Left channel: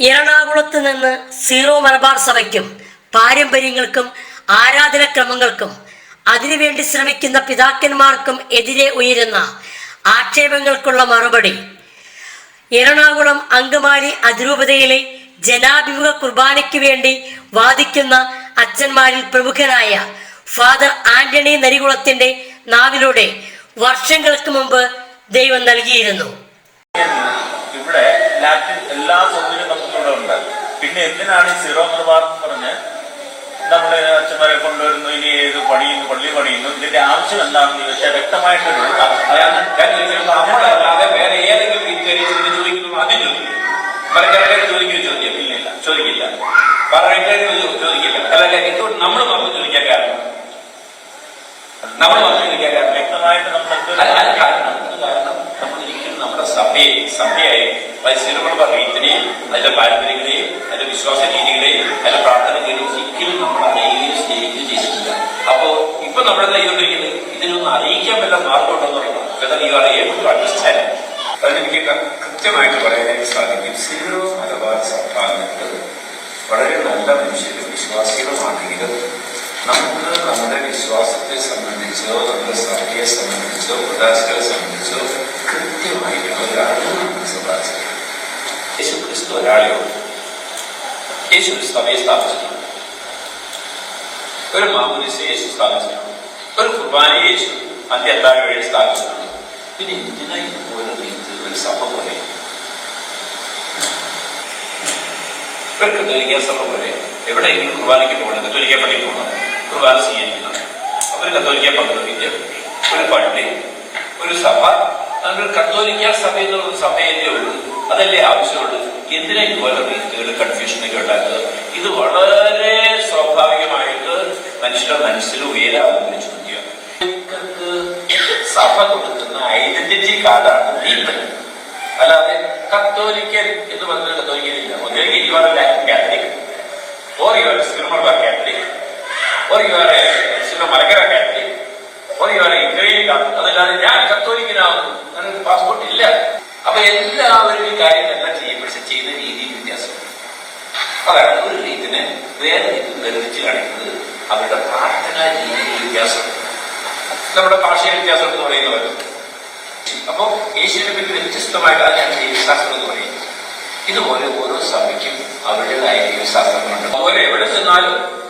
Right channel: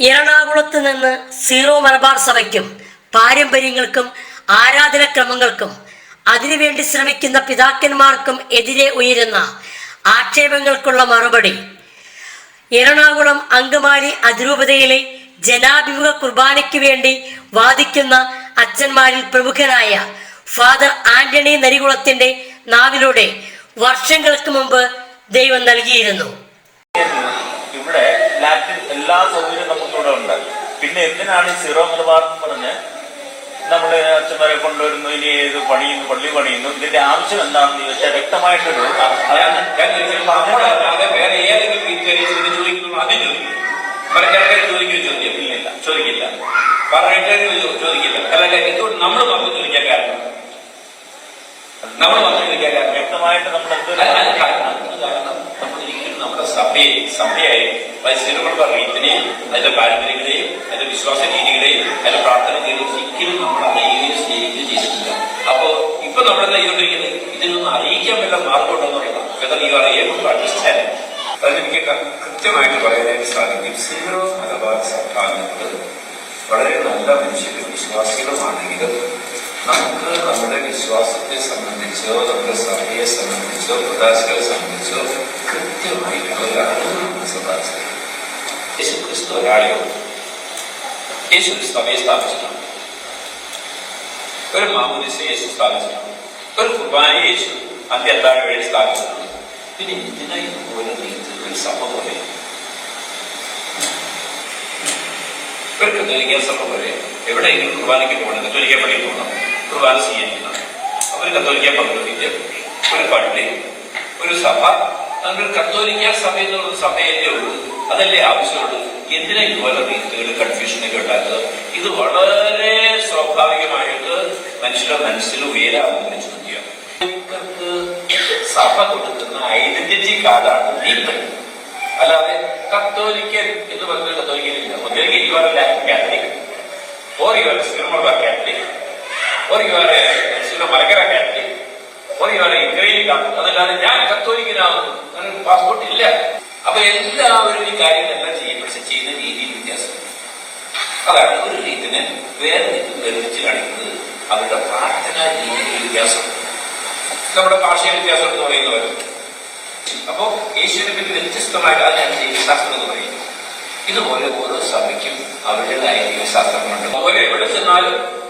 എറണാകുളത്ത് നിന്ന് സീറോ മലബാർ സഭയ്ക്കും പാരമ്പര്യങ്ങൾക്കും ആരാധനക്രമങ്ങൾക്കും അതിനുവേണ്ടി ശ്രമിക്കുന്ന പിതാക്കന്മാർക്കും എതിരെ ഉയരുന്ന ആക്ഷേപങ്ങൾക്കുള്ള മറുപടി. എറണാകുളം അങ്കമാലി അതിരൂപതയിലെ ജനാഭിമുഖ കുർബാനയ്ക്ക് വേണ്ടി വാദിക്കുന്ന അച്ഛന്മാരിൽ പ്രമുഖനായ ഫാദർ ആന്റണി നരികുളത്തിന്റെ നാവിലൂടെ വർഷങ്ങൾക്ക് മുമ്പ് ദൈവം നൽകിയിരുന്നു. ഇവിടെ ലാറ്റിൻ എല്ലാ സൗകര്യവും നമുക്കിവിടെ ഉണ്ട് പിന്നെ എന്തിനാണ് സീറോ മലബാർ എന്ന് പറഞ്ഞ് നമ്മുടെ അച്ഛന്മാരെ കൊണ്ടുവരുന്നു ഇനി ഏത് പണിയുന്നു പള്ളി പണിയുന്നു ഇതിന്റെ ആവശ്യം എന്താണെന്ന് ചോദിച്ചാൽ വ്യക്തമായിട്ടൊരു വേറെ ഏതെങ്കിലും ചോദിക്കില്ല ചോദിക്കില്ല ചോദിക്കില്ല അതായത് നമ്മൾ പറഞ്ഞു ചോദിക്കാൻ കാരണം നമ്മൾ പറഞ്ഞു ചോദിക്കാൻ കാരണം വ്യക്തമായിട്ട് നമ്മൾ എന്ത് കാരണം നമ്മൾ സഭയെ സഭയായി. മത്സരങ്ങൾ പറയുന്നതിനെയും അതിന്റെ പാരമ്പര്യങ്ങളെയും അതിന്റെ വിശ്വാസ രീതികളെയും അതിന്റെ പ്രാർത്ഥനകളെയും ഒരിക്കലും നമ്മൾ അറിയുകയും സ്നേഹിക്കുകയും ചെയ്തിട്ടില്ല. അപ്പോ ഇപ്പൊ നമ്മുടെ കൈകൊണ്ടിരിക്കുന്നത് ഇതിനൊന്നും അറിയിക്കാൻ വല്ല you are able to understand അതെനിക്ക് കൃത്യമായിട്ട് പറയാനായിട്ട് സാധിക്കും. സീറോ മലബാർ സഭ എന്നത് വളരെ നല്ല മനുഷ്യരുടെ വിശ്വാസികളുമാണെങ്കിലും നമുക്ക് നമ്മുടെ വിശ്വാസത്തെ സംബന്ധിച്ചോ നമ്മുടെ സഭയെ സംബന്ധിച്ചോ സംബന്ധിച്ചോ കൃത്യമായിട്ടുള്ള ഒരു അറിവ് മനസ്സിലാക്കുക യേശു ക്രിസ്തു ഒരാളെ ഉള്ളൂ. യേശു ഒരു സഭയെ സ്ഥാപിച്ചിട്ടുണ്ട് ഒരു മാമൂലിസ യേശു സ്ഥാപിച്ചിട്ടുണ്ട് ഒരു കുർബാന യേശു അന്ത്യത്താഴ വഴി സ്ഥാപിച്ചിട്ടുണ്ട് പിന്നെ എന്തിനായി ഓരോ രീതിയിൽ ഒരു സഭ പോലെ ഒരു കത്തോലിക്ക സഭ പോലെ എവിടെയെങ്കിലും കുർബാനയ്ക്ക് പോകണം കത്തോലിക്ക പള്ളിയിൽ പോകണം കുർബാന ചെയ്യുന്നതാണ് ഒരു കത്തോലിക്ക പങ്കെടുത്തിട്ട് ഒരു പള്ളി ഒരു സഭ നമ്മൾ കത്തോലിക്ക സഭ എന്നുള്ള സഭയല്ലേ ഉള്ളൂ. അതല്ലേ ആവശ്യമുള്ളൂ എന്തിനാ ഇതുപോലെ കൺഫ്യൂഷൻ കൺഫ്യൂഷനൊക്കെ ഉണ്ടാക്കുന്നത്? ഇത് വളരെ സ്വാഭാവികമായിട്ട് മനുഷ്യരുടെ മനസ്സിൽ ഉയരാവുന്ന ഒരു ചോദ്യമാണ്. സഭ കൊടുക്കുന്ന ഐഡന്റിറ്റി കാർഡാണ് ദീപൻ അല്ലാതെ കത്തോലിക്കൻ എന്ന് പറഞ്ഞ കത്തോലിക്കലില്ല ഒന്നുകിൽ ഇവർ കാത്തലിക് ഓർ ഇവർ സിനിമ കാത്തലിക് ഓർ ഇവർ സിനിമ മലകര കാത്തലിക് ഓർ ആർ അതല്ലാതെ ഞാൻ കത്തോലിക്കനാകുന്നു. അങ്ങനെ പാസ്പോർട്ട് ഇല്ല. അപ്പൊ എല്ലാവരും ഈ കാര്യങ്ങളെല്ലാം ചെയ്യും. പക്ഷെ ചെയ്യുന്ന രീതി വ്യത്യാസമുണ്ട് അതാണ് ഒരു രീതിനെ വേറെ ബന്ധിച്ച് കാണിക്കുന്നത്. അവരുടെ പ്രാർത്ഥന രീതിയിൽ വ്യത്യാസമുണ്ട് നമ്മുടെ ഭാഷയിൽ വ്യത്യാസം എന്ന് പറയുന്നവരും അപ്പോ യേശുവിനെ പറ്റി വ്യത്യസ്തമായിട്ട് അതാണ് ദൈവശാസ്ത്രം എന്ന് പറയുന്നത്. ഇതുപോലെ ഓരോ സഭയ്ക്കും അവരുടേതായ ജീവിതശാസ്ത്രങ്ങളുണ്ട് ഓരോ എവിടെ ചെന്നാലും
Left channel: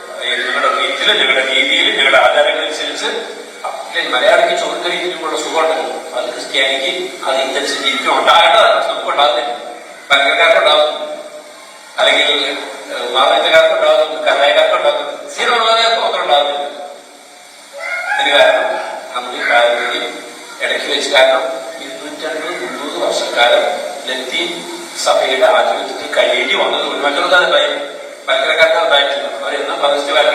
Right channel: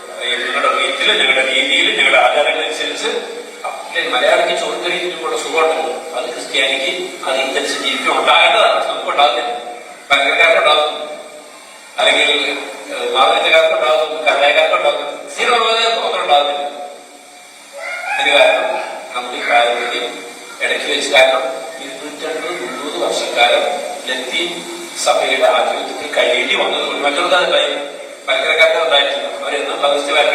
മലയാളിക്ക് ചോദ്യത്തിനുള്ള സുഖമുണ്ടല്ലോ. അത് ക്രിസ്ത്യാനിക്ക് അത് ഇന്റൻസിറ്റി ജീവിതം ഉണ്ടാകേണ്ടതാണ്. നമുക്ക് ഉണ്ടാകുന്നില്ല. പങ്കക്കാർക്കുണ്ടാകുന്നു അല്ലെങ്കിൽ മാതാപിതാക്കൾക്കുണ്ടാകുന്നു കഥാകാർക്കുണ്ടാകുന്നു സീറോ മാത്രം ഉണ്ടാകുന്നില്ല അതിന് കാരണം നമുക്ക് പാരമ്പര്യം ഇടയ്ക്ക് വെച്ച് കാരണം ഇരുന്നൂറ്റി മുന്നൂറ് വർഷക്കാലം ലത്തി സഭയുടെ ആധിപത്യത്തിൽ കഴിയേണ്ടി വന്നത് മറ്റൊന്നാണ് കാര്യം മലക്കരക്കാരുടെ ഉണ്ടായിട്ടില്ല. അവരെന്നും പരസ്യകാലം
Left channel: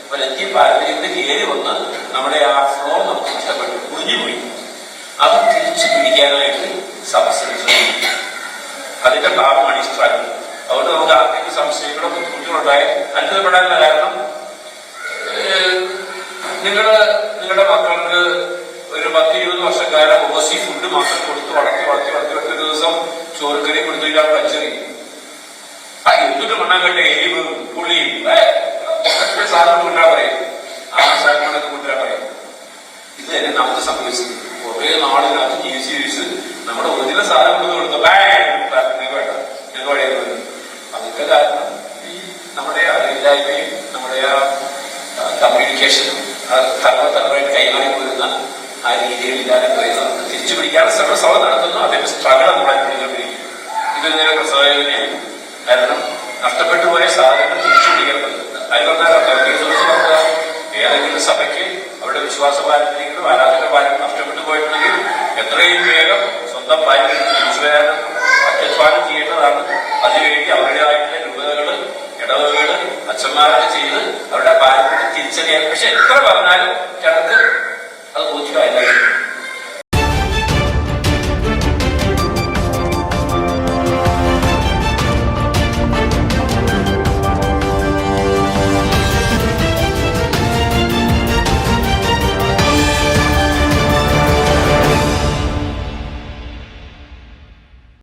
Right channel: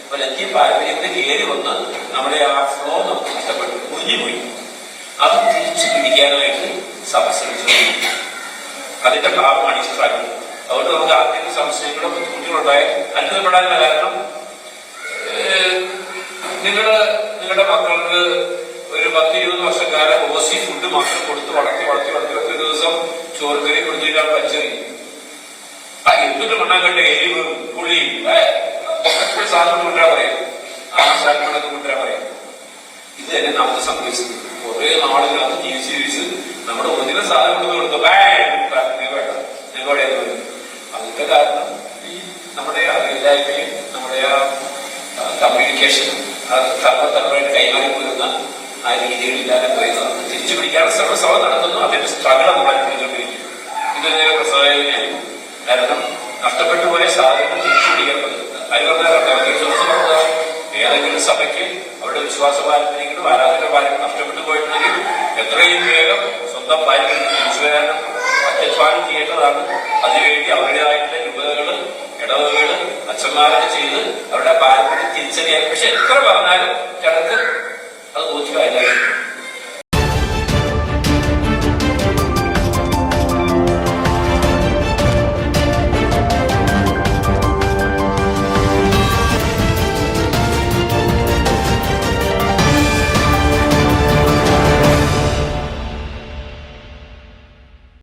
അപ്പൊ അവരെത്തി പാരമ്പര്യത്തിൽ കയറി വന്ന് നമ്മുടെ ആ ഫ്ലോ നമുക്ക് നഷ്ടപ്പെട്ടു മുറിഞ്ഞുപോയി അത് തിരിച്ചു പിടിക്കാനായിട്ട് സമസ്യ അതിന്റെ ഭാഗമാണ് ഈ സ്ഥലം അതുകൊണ്ട് നമുക്ക് ആർക്കും സംശയങ്ങളോ ബുദ്ധിമുട്ടുകളുണ്ടായാൽ അത്ഭുതപ്പെടാനുള്ള കാരണം നിങ്ങൾ നിങ്ങളുടെ മക്കൾക്ക് ഒരു പത്ത് ഇരുപത് വർഷക്കാലം ഓസി ഫുഡ് മാത്രം അതിന്റെ കാരണം ഈ നമ്മുടെ അറിവില്ലായ്മയും നമ്മുടെ ആ കമ്മ്യൂണിക്കേഷൻ തലമുറ തലമുറയായിട്ട് കൈമാറി വരുന്ന ആ രീതികളില്ലാതെ പോയത് നമുക്ക് തിരിച്ചു പിടിക്കാനുള്ള ശ്രമ നടത്തുന്നു. അതിന്റെ സ്ട്രഗിൾ നമ്മൾ അനുഭവിച്ചുകൊണ്ടിരിക്കും ഇതൊരു പ്രസവനായി കാരണം നഷ്ടപ്പെട്ടു പോയ സാധനങ്ങൾ തിരിച്ചു പിടിക്കാൻ പറ്റുന്നത്. അതുകൊണ്ടാണ് ഏതെങ്കിലും സഭയ്ക്ക് അവരുടെ വിശ്വാസ